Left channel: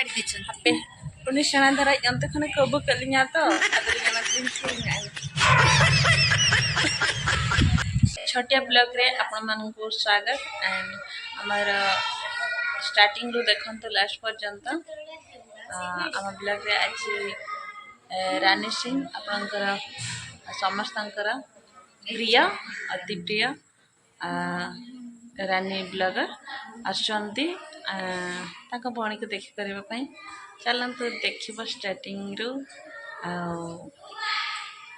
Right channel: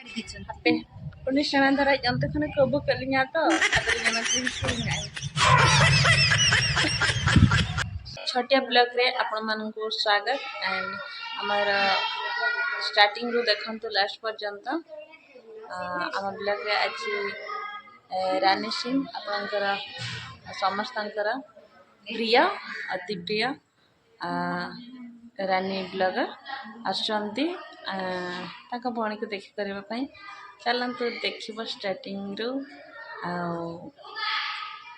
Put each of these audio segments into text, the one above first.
Hape uni sana dara yante khane kobo kalinya to adar jana tin sunya छोटिया blog रे आपण मान को स्वागत एंड हमारा स्टार्टिंग रू देखंतु लास्ट पर्यंत आम ब्लॉग रे आज रानी सिंह आपणकर समस्तंकर प्रिय अति प्रिय रानी ब्लॉगर आसुचंती ताका भणी को देखि करबा पई चलंतु देखिबो स्टार्टिंग रू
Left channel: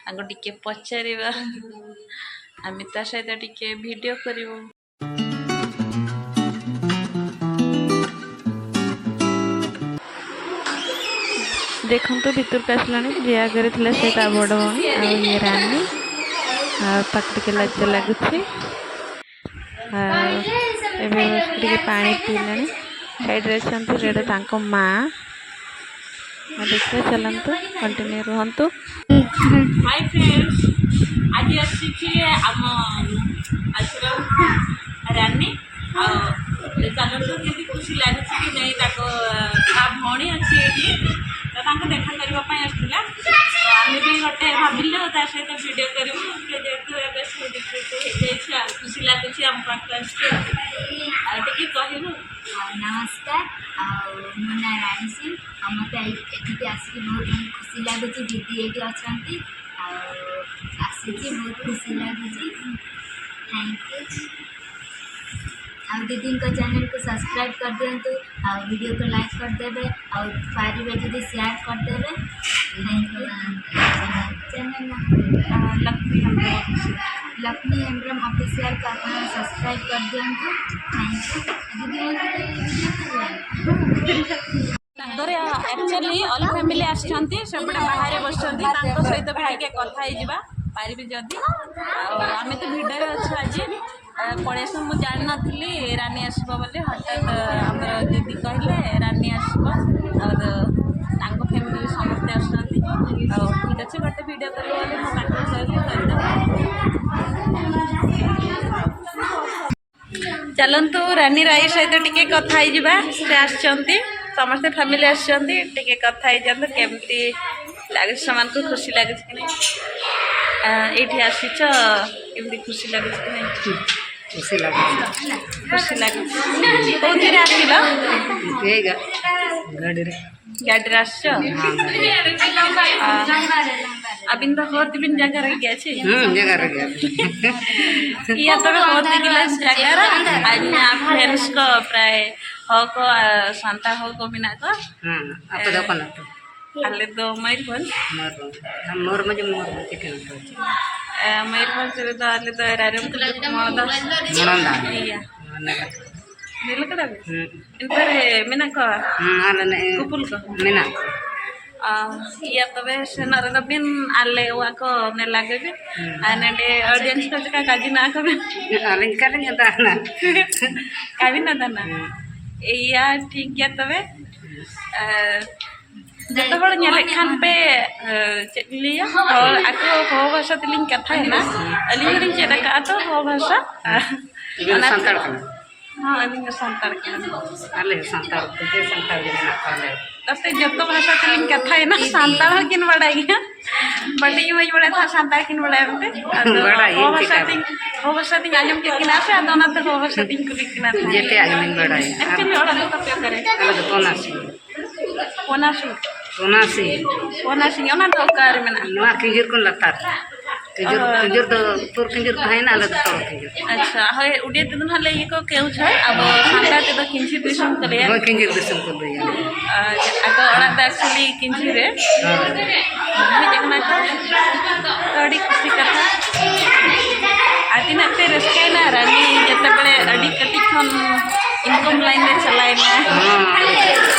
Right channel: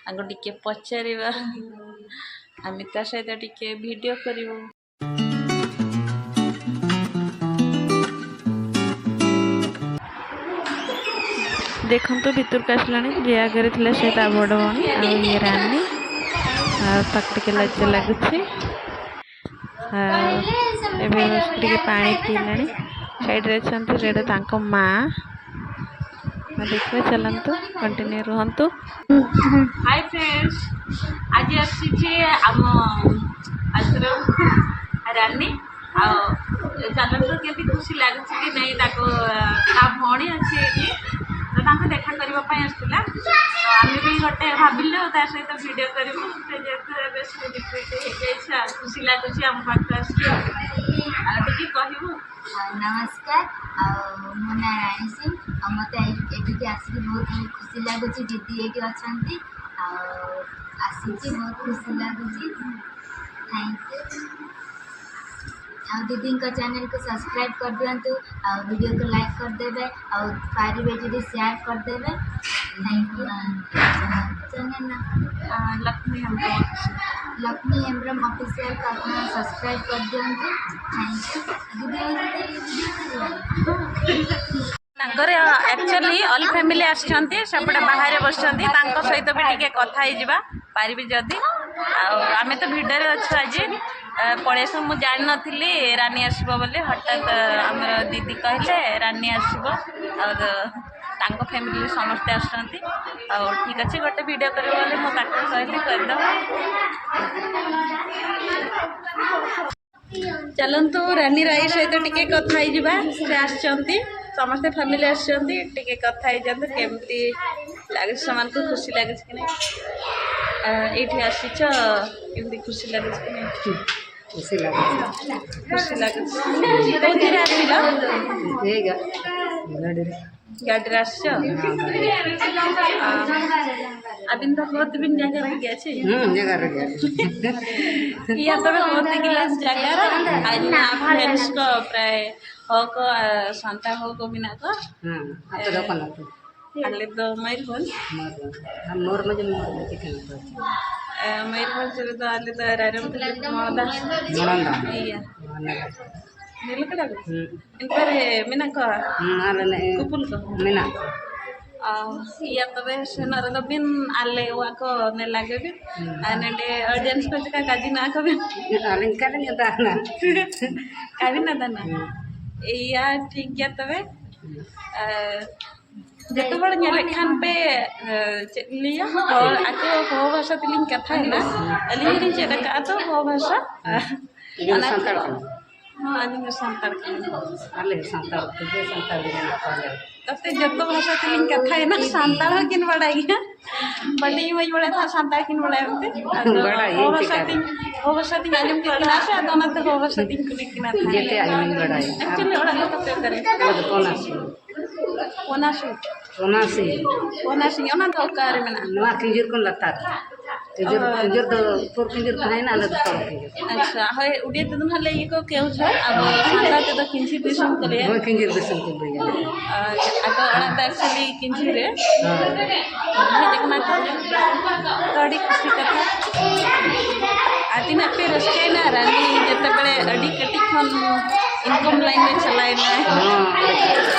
आगो टिके पचारिबा आमी ता सहित टिके वीडियो करिवो देखंतु भितर का आसलानी जे आगे थिला से ता बड़ भणी आ ये रानी आ ताक टिके लाज लागुछि एबे टिके पानी पीलानी साइड रे छंतु रेडा तांको मां देखिए चलंतु कंटिन्यू रहंतु। हाय फ्रेंड्स आज आसी आम आश्रम रानी चलतु केमती खुशी लगे कि नहीं भौणी अच्छी तो देखा करने आसला आम भी गोटे भाविलु ता सहित वीडियो करूँ खुशी लगुच आम पाख आसके कहू। नमस्कार मो ना रानी सिंह मत ये आसिक बहुत खुशी लगुच दीदी ये अच्छा आसी बहुत खुशी लगुच थैंक यू आ दीदी को चैनल को सब्सक्राइब कर दिंतु आ वीडियो को लाइक कर देवे और पारे जब शेयर कर देवे थैंक यू। चैनल ना लक्ष्मी हेम्ब्रम ऑफिशियल का अपना सब्सक्राइब कर दिंतु थैंक यू। दीदी एक्चुअली ऑल फैमिली आसछंती सेपटे बाहर बसछंती तांको सहित भी टिके कथा ही जिबा पारिबी जदी आमे तो भिडर अच्छे आज पड़ेस मुझे जान नी रानी आसब बोले हठात आमर दीदी कहले रानी आसब और फैमिली समस्ते आसछंती ठीक अच्छे गोटे वीडियो करियो बोले मो पाठ कहली करदो चलंतु रानी राई सहित टिके कथा ही जिबा से आसछंती समस्ते फैमिली आसछंती टिके कथा ही जंतु केमती लागे समान को खुशी लागे कि नहीं एठी आसीच केमती खुशी लागे कि नहीं खुशी लगे कौन आसिल गाड़ी अबिन तो होती बिन जगह गया जगह या तो होती गिलास जगह आज फ्रेंड्स को प्राय हो को शांता हो को बिना को आप दोकान अल्ले तो मयूरभंज मोर मजे चिकन मयूरभंज तो अल्ले तो रारम मोदा निलकड़ा इन पर मिना को कुपुल को मिना या तबे सेनर बिन आले वा को ने लागे भी आने ऑडियंस को का काजी ना को आलिन कालिन दाना कावी ना दाना या ठीक है तबे जत बड़ खान पे लिया आको हो भाषा तिलिंग कथा है ना अलिंग चेड़ा का तो हो भाषा संताड़ हाँ अलिंग संताड़ अले संताड़ तुझे संताड़ देना पहले तब जत भाषा तिलिंग कथा है ना संताड़ किन बड़ा गया बट ये वही बड़ा था संताड़ किन बड़ा होते हो भाषा तिंग आजम के किना से आदोना तो हो भाषा तिंग को किना था जेते आजम बड़ा है एक्चुअली ओड़ा तो पे करे अलग पोनासी पोनासी ओना तो कार में ना नवा किंजर को लतार किंजर तो तोर किंजर है ना अलग तो किंजर अच्छा है उड़े दिन हले ये को केउ छ अब सांता ते तो किंजी दिसम करे वो किंजर दिसम को लिया आको ओना तो एक्चुअली किंजी रे हां देखना थोड़ी खुशी कथा आती ना पे रसके ना रानी जते बड़े अडी कटी खन इनकम लाइन में चलाए ना हां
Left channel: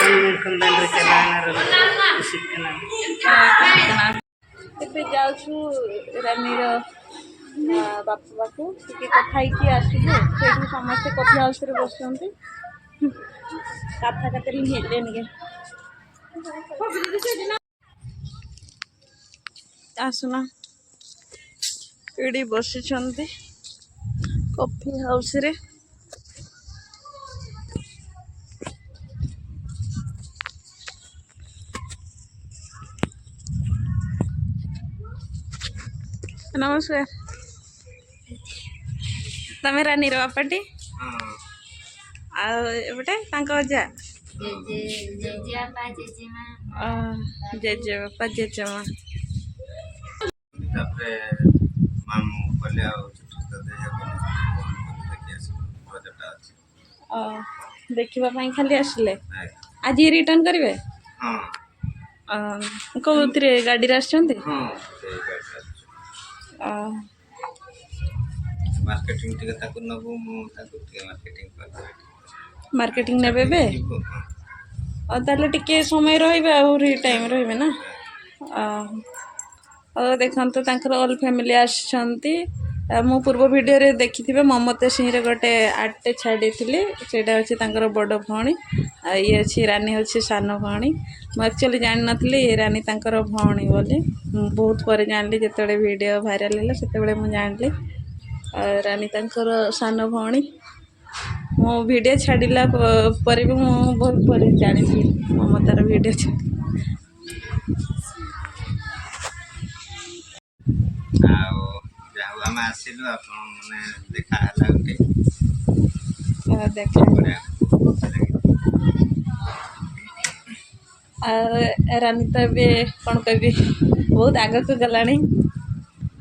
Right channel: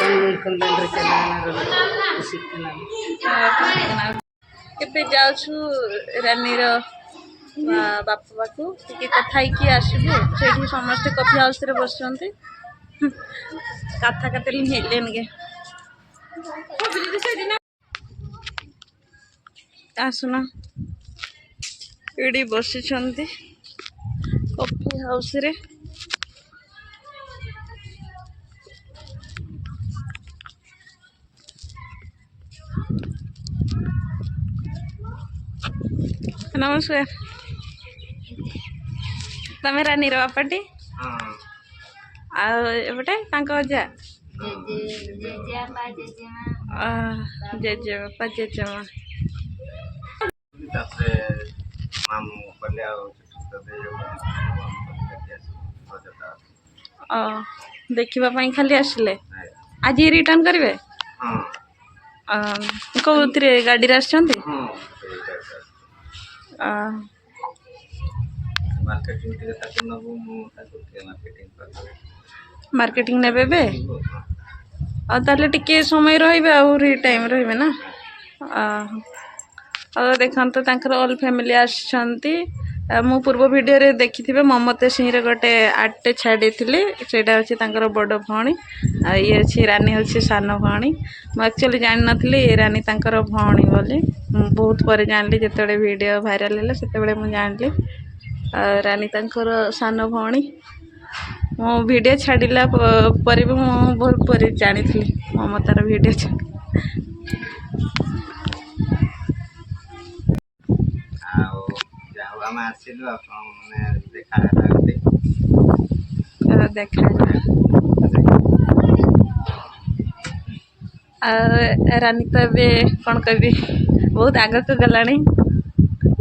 इनकम लाइन रे चलाना रे खुशी कना केबे जाउ छु रानी रो बापा को टिके कथा की आसबु सेठी समस्त कॉफी हाउस रे बसचंती कथा कतली हेलेन गे आसुना एडी बसचंती कॉफी हाउस रे ନମସ୍କାର। ତମେ ରାନୀର ବାପାଟି ଆଉ ଏପଟେ ତାଙ୍କ ଅଜା ଜେଜେବାପା ଜେଜେମା ଜେଜେ ବାପା ଜେଜେମା। ତାପରେ ମାମୁଁ କହିଲେ ଆଉ ରଜଟା ଅଛି ଦେଖିବା ପାଇଁ ଖାଲି ଆସିଲେ। ଆଜି ରିଟର୍ନ କରିବେ? ହଁ କୋଉଥିରେ ଗାଡ଼ିରେ ଆସିଛନ୍ତି? ହଁ ସେଇ ଗାଡ଼ିଟା ଅଛି। ମାର୍କେଟିଂ ଟିକେ ତାକୁ ନେବୁ, ମୁଁ ତାକୁ ଟିକେ ମାର୍କେଟିଂ କରିବି। ମାର୍କେଟିଂ ନେବେ ଏବେ? ଯିବୁ, ହଁ। ଆଉ ତାହେଲେ ଟିକେ ସମୟ ରହିବେ, ଆହୁରି ଟାଇମ୍ ରହିବେ ନା? ଆଉ ଦେଖନ୍ତୁ ତାଙ୍କର ଅଲ୍ ଫ୍ୟାମିଲି ଆସିଛନ୍ତି। ମୁଁ ପୂର୍ବ ଭିଡ଼ିଓରେ ଦେଖିଥିବେ ମମତାସିଂରେ ଗୋଟେ ଆର୍ଟଟେ ଛାଡ଼ିଥିଲି, ସେଇଟା ହେଉଛି ତାଙ୍କର ବଡ଼ ଭଉଣୀ। ଆଉ ଇଏ ଅଛି ରାନୀ, ହେଉଛି ସାନ ଭଉଣୀ। ମୁଁ ଆକ୍ଚୁଆଲି ଜାଣିନଥିଲି ଏ ରାନୀ ତାଙ୍କର ଭଉଣୀ ବୋଲି। ମୁଁ ବହୁତ ପରେ ଜାଣିଲି, ଯେତେବେଳେ ଭିଡ଼ିଓ ଭାଇରାଲ୍ ହେଲା ସେତେବେଳେ ମୁଁ ଜାଣିଲି ରାନୀ ତାଙ୍କର ସାନ ଭଉଣୀ। ମୁଁ ଭିଡ଼ିଓ ଛାଡ଼ିଲା ପରେ ବି ମୁଁ ବହୁତ ପରେ ଜାଣିଥିଲି ମମତାର ଭିଡ଼ିଓ ଆଉ ଯାହା ହଉ ଆମେ ଆସିଲୁ, ଆପଣ ମାନେ ଦେଖା ହେଲା ଗୋଟେ ଦେଖା। ଆଉ ରାନୀ ତ ଏବେ କ'ଣ କହିବି, ବହୁତ ଆଗକୁ ଗଲାଣି।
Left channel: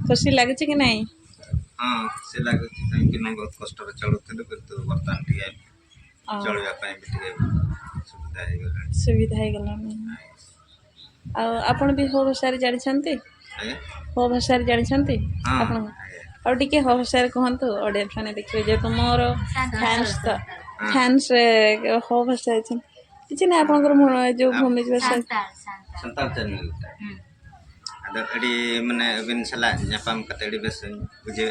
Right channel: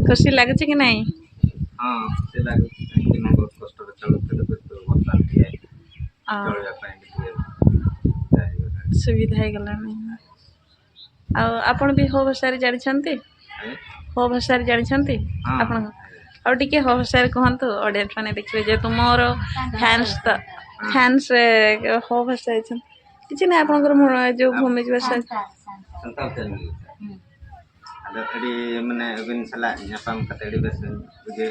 ଖୁସି ଲାଗୁଛି କି ନାହିଁ? ହଁ ଖୁସି ଲାଗୁଛି, କାହିଁକି ନା ବହୁତ କଷ୍ଟରେ ଚଳୁଥିଲୁ, କିନ୍ତୁ ବର୍ତ୍ତମାନ ଟିକେ ଚଳିବା ପାଇଁ ବି ଟିକେ ସୁବିଧା ହେଇଗଲାଣି। ଆଉ ଆପଣ ବି ହୋ ଭାଷାରେ ଜାଣିଛନ୍ତି? ହୋ ଭାଷାରେ ଜାଣିଛନ୍ତି ଆପଣ? ଆଉ ଟିକେ ହୋ ଭାଷାରେ କୁହନ୍ତୁ, ଅଡ଼ିଏନ୍ସ ମାନେ ଦେଖିବେ, ଯେହେତୁ ମୋର ଫ୍ୟାନ୍ସ ହୋ ଭାଷା ହେଇଛନ୍ତି। କିଛି ନାହିଁ, ଆପଣଙ୍କର ଯେଉଁ ଭୂମି ଭାଷା santal channel ada di mana bin salah nyapam kata di bes buje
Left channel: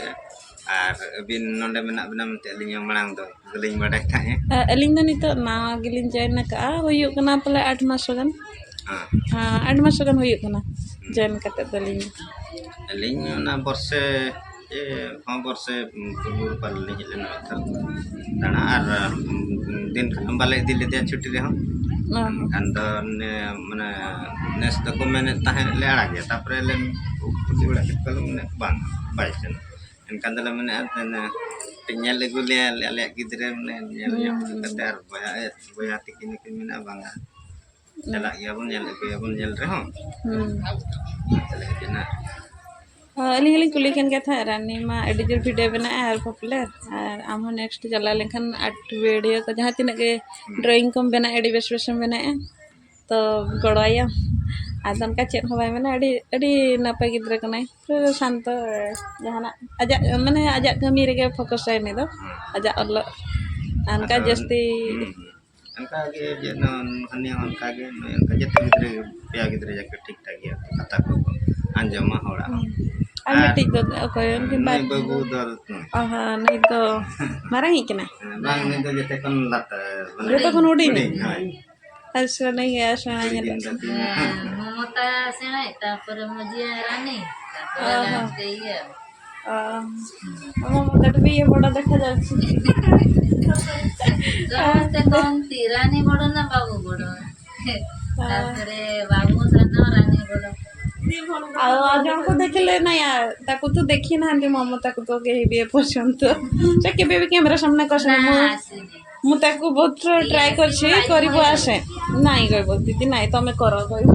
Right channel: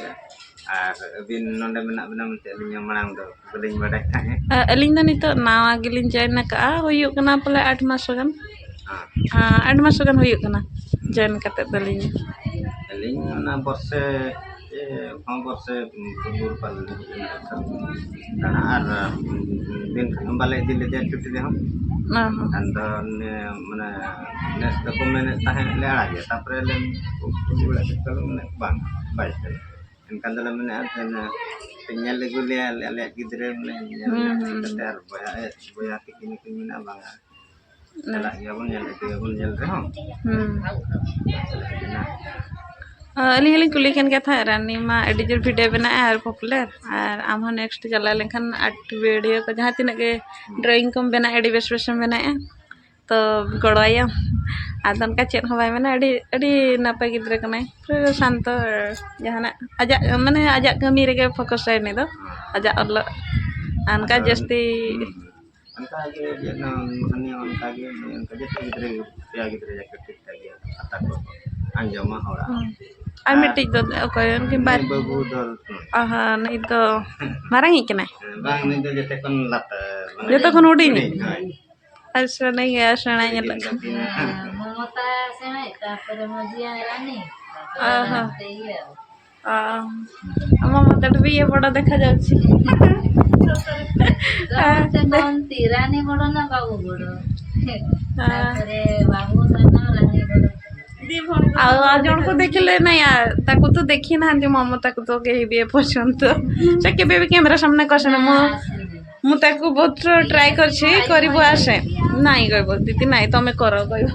bin nonda menak benam teling yang malang tu geling badak tanya ᱟᱹᱞᱤᱧ ᱫᱚ ᱱᱤᱛᱚᱜ ᱱᱟᱣᱟ ᱜᱮᱞᱤᱧ ᱡᱚᱭᱮᱱ ᱟᱠᱟᱜᱼᱟ, ᱦᱩᱭᱩᱜ ᱠᱟᱱᱟ ᱯᱟᱞᱮ 8 ᱢᱟᱥ ᱜᱟᱱ 8 ᱢᱟᱥ ᱜᱟᱱ ᱦᱩᱭᱩᱜ ᱠᱟᱱᱟ ᱡᱚᱭᱮᱱ ᱠᱟᱛᱮᱫ ᱫᱚᱞᱤᱧ ᱟᱹᱞᱤᱧ ᱚᱱᱟ ᱵᱚᱨᱥᱮ ᱵᱚᱨᱥᱮ ᱯᱩᱨᱵᱩᱨ ᱯᱟᱞᱤᱧ ᱦᱮᱡ ᱞᱮᱱᱟ ᱫᱟᱬᱟ ᱟᱨ ᱫᱤᱱ ᱠᱷᱟᱱ ᱵᱟᱞᱮ ᱤᱫᱤ ᱞᱮᱫᱮᱭᱟ ᱪᱷᱩᱴᱤ ᱨᱮᱦᱚᱸ ᱮᱱᱠᱷᱟᱱ ᱫᱚ ᱢᱟᱱᱮ ᱱᱮᱥ ᱫᱚᱠᱚ ᱢᱮᱱᱮᱫ ᱛᱟᱦᱮᱸᱫ ᱞᱮ ᱟᱲᱟᱜᱮ, ᱛᱟᱨᱯᱚᱨᱮ ᱞᱮ ᱠᱩᱥᱤ ᱵᱟᱲᱟ ᱠᱮᱫ ᱠᱚᱣᱟ ᱢᱟᱱᱮ ᱵᱟᱝ ᱵᱟᱭ ᱥᱮᱱ, ᱮᱱᱠᱷᱟन ᱫᱚᱞᱮ ᱢᱮᱱᱮᱫᱼᱟ ᱧᱮᱞ ᱟᱹᱜᱩ ᱞᱮᱭᱟ ᱟᱞᱮᱭᱟᱜ ᱜᱤᱫᱽᱨᱟᱹ ᱢᱟᱱᱮ ᱧᱮᱞ ᱠᱟᱛᱮ ᱟᱨ ᱵᱚᱭᱦᱟ ᱛᱤᱠᱤᱱ ᱠᱤᱱ ᱢᱮᱱᱟ ᱵᱟᱝᱟ ᱪᱟᱞᱟᱜ ᱜᱮᱭᱟᱵᱚᱱ, ᱧᱮᱞ ᱟᱹᱜᱩᱭᱟᱵᱚन ᱧᱮᱞ ᱨᱮᱦᱚᱸ ᱟᱹᱞᱤᱧ ᱦᱚᱸᱞᱤᱧ ᱠᱩᱞᱤ ᱠᱟᱱ ᱜᱮᱭᱟ ᱛᱟᱦᱮᱸᱫ, ᱨᱟᱱᱤ ᱢᱟ ᱟᱹᱰᱤ ᱡᱳᱨ ᱵᱷᱤᱰᱤᱭᱳ ᱵᱮᱱᱟᱜᱼᱟ ᱟᱨ ᱯᱚᱯᱩᱞᱟᱨ, ᱟᱨ ᱟᱢ ᱦᱚᱸ ᱱᱮᱠᱥᱴ ᱪᱟᱞᱟᱣ ᱞᱮᱱᱠᱷᱟन ᱟᱨᱴ ᱵᱷᱤᱰᱤᱭᱳ ᱠᱚ ᱡᱟᱦᱟᱸ ᱛᱤᱱᱟᱹᱜ ᱜᱮ ᱰᱨᱚᱭᱤᱝ ᱠᱚᱢ ᱵᱮᱱᱟᱜᱼᱟ, ᱟᱹᱰᱤ ᱵᱮᱥ ᱵᱮᱥᱮᱢ ᱵᱮᱱᱟᱜᱼᱟ, ᱛᱚ ᱜᱚᱲᱚᱣᱟᱭᱟᱢ᱾ ᱟᱫᱚ ᱚᱱᱠᱟ ᱪᱮᱫ ᱦᱚᱸ ᱵᱟᱭ ᱢᱮᱱᱟ, ᱟᱹᱰᱤ ᱱᱟᱯᱟᱭ ᱜᱤᱫᱽᱨᱟᱹ ᱠᱟᱱᱟᱭ, ᱯᱩᱨᱟᱹ ᱥᱟᱱᱛᱚ, ᱡᱟᱦᱟᱱᱟᱜ ᱟᱡᱟᱜ ᱠᱟᱹᱢᱤ ᱨᱮᱜᱮ ᱯᱷᱳᱠᱟᱥᱟᱭ ᱩᱱᱤ ᱫᱚ, ᱟᱡᱟᱜ ᱚᱞᱚᱜ ᱚᱱᱠᱟ ᱡᱟᱹᱥᱛᱤ ᱚᱱᱠᱟᱜᱮ ᱦᱟᱹᱱᱤ ᱦᱚᱸ ᱚᱱᱠᱟᱜᱮ ᱚᱱᱠᱟ ᱡᱚᱛᱚ ᱜᱤᱫᱽᱨᱟᱹ ᱯᱮᱭᱟ ᱜᱤᱫᱽᱨᱟᱹ ᱡᱟᱠᱮ ᱴᱷᱤᱠ ᱴᱷᱟᱠ ᱜᱮᱭᱟ, ᱠᱟᱛᱷᱟ ᱠᱚ ᱟᱸᱡᱚᱢᱟ ᱦᱚᱲᱟᱜ ᱟᱨ ᱢᱤᱫᱴᱤᱡ ᱫᱚ ᱚᱠᱚᱭ ᱩᱱᱠᱤᱱ ᱵᱟᱹᱵᱩ ᱫᱚ ᱱᱩᱭ ᱫᱚ ᱢᱟᱨᱟᱝᱤᱡ ᱠᱟᱱᱟᱭ, ᱵᱟᱝ ᱱᱩᱭ ᱫᱚ ᱡᱚᱛᱚ ᱠᱷᱚᱱ ᱞᱟᱛᱟᱨ ᱡᱚᱛᱚ ᱠᱷᱚᱱ ᱦᱩᱰᱤᱧ ᱟᱨ ᱥᱮᱬᱟ ᱧᱮᱞᱚᱜ ମମତା ସେଣେ, ତାପରେ ମଝିଆ ରାନୀ, ତାପରେ ଲାଷ୍ଟ ଇଏ ଆମ ମତାଠୁ ବି ଇଏ ବଡ଼ ଦେଖାଯାଉଛି। ସମସ୍ତେ କହନ୍ତି ରାନୀ ବଡ଼ ନା ବାବୁ ବଡ଼, ତାପରେ ବାବୁ ସାନ ରାନୀ ବଡ଼। ଆଉ ଜଣକୁ ଦେଖିଲେ ନାଇଁ, ତାକୁ ତ ଦେଖି ନାହାନ୍ତି ମମତାକୁ ତ କେହି ବି ଏପର୍ଯ୍ୟନ୍ତ, ସେ କେବେ ବି କ୍ୟାମେରା ସାମ୍ନା କରିନି। ମୁଁ ତାକୁ ବହୁତ ଟ୍ରାଏ କରିଛି, କରିବୁ ଆସେ, ନାଇଁ କହିବ ଦିଦି ନାଇଁ ତମେ କର କହିବ।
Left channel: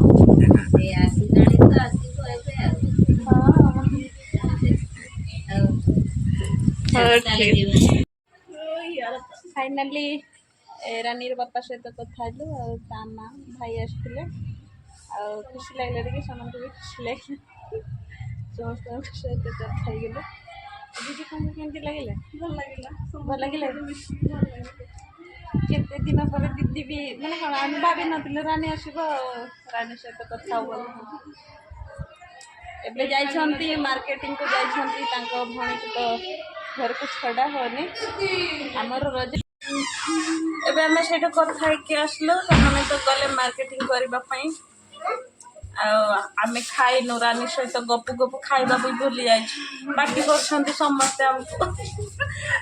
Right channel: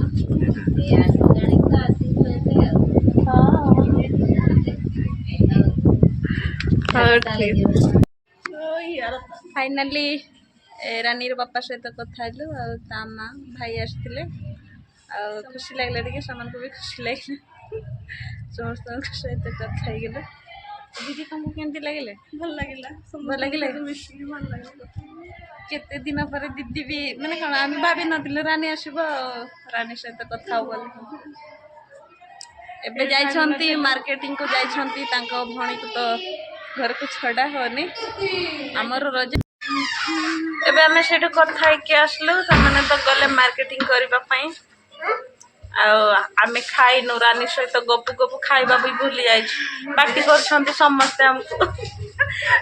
ଫାଇନାଲି ରାନୀର ବାପା ସହିତ କଥା ହେଲୁ, ଆଉ ତା ମା ଭାଇ ଆସିଥିଲେ, ଆଉ ଖୁସି ଲାଗିଲା ଟିକେ, ସେମାନଙ୍କୁ ବି ଖୁସି ଲାଗିଲା, ସମସ୍ତଙ୍କ ସହିତ କଥା ହେଇଗଲା। ଦିଦି ତମକୁ କେମିତି ଲାଗିଲା? ଭଲ ଲାଗିଲା। କେତେ ଦିନ ପରେ ଦିଦି ବି ମାନେ କ'ଣ ଆମେ ଭାବିନଥିଲୁ ରାନୀ ଆସିବ, ରାନୀ ସହିତ କଥା ହବ ବୋଲି। ଏବେ ଯାଇଛନ୍ତି ମାର୍କେଟିଂକୁ ଯାଇଛନ୍ତି, ତାଙ୍କ ଭଉଣୀକୁ ତ ଘରକୁ ଛଡ଼ା ହବନି। ଆମର ରଜ ଏବେ ଆମେ ସେଇଠୁ କଥା ହେଇକି ଆସିଲୁ, ସେମାନେ ତ ଗଲେ ମାର୍କେଟିଂ କରିବା ପାଇଁ, ଆଉ ଆମେ ଖାଇନୁ, ରାନୀ ସହିତ ଗପୁ ଖାଇବା ବି ଭୁଲି ଯାଇଛି, ପାଟି କରୁଛନ୍ତି ସମସ୍ତେ ଆମକୁ,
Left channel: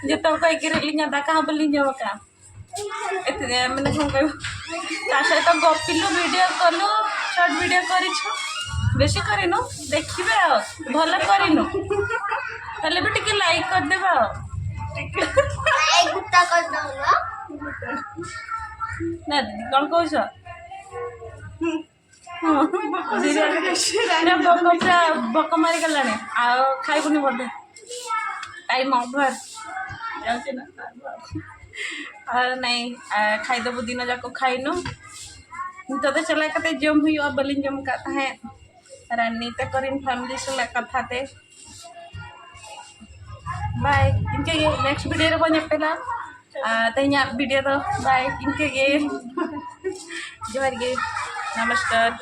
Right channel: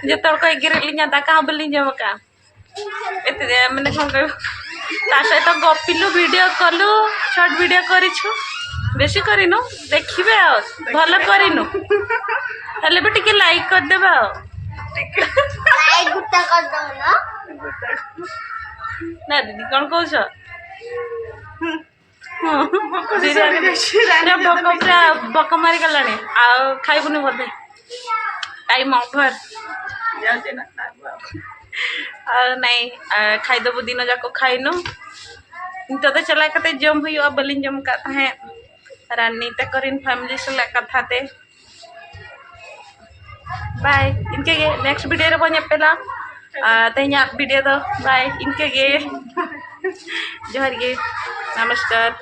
ଯେତେବେଳେ କହିକି ରେଲିଙ୍ଗା ତା କାଁ ବୋଲି ଯିବ କା ଏତେ ମାନେ କ'ଣ କହିବୁ, ତା ସହିତ ଗପିଲୁ, ଭିଡ଼ିଓ କଲୁ, ସର୍ଟ ଭିଡ଼ିଓ କରିଛୁ, बेसी करिनु देखिबे आ भल करिनु हेले भी टिके लाइक कर देबा लाइक गुट्टा कर दो ना दीदी कौन कहू बक मारी गलानी आ खाइबुनि बोधे टाइम ओभर जाऊँ ना नहीं खाईदेबू दिन जाक खाइनु तो चला कते जम हुआ बलिन जम का है रानी ते करिन फैमिली से कथा ते बाय इनके गे नेक्स्ट वीडियो रे बने पेला तेना वीडियो दो बाय इनके गे जोहर गे नमस्कार।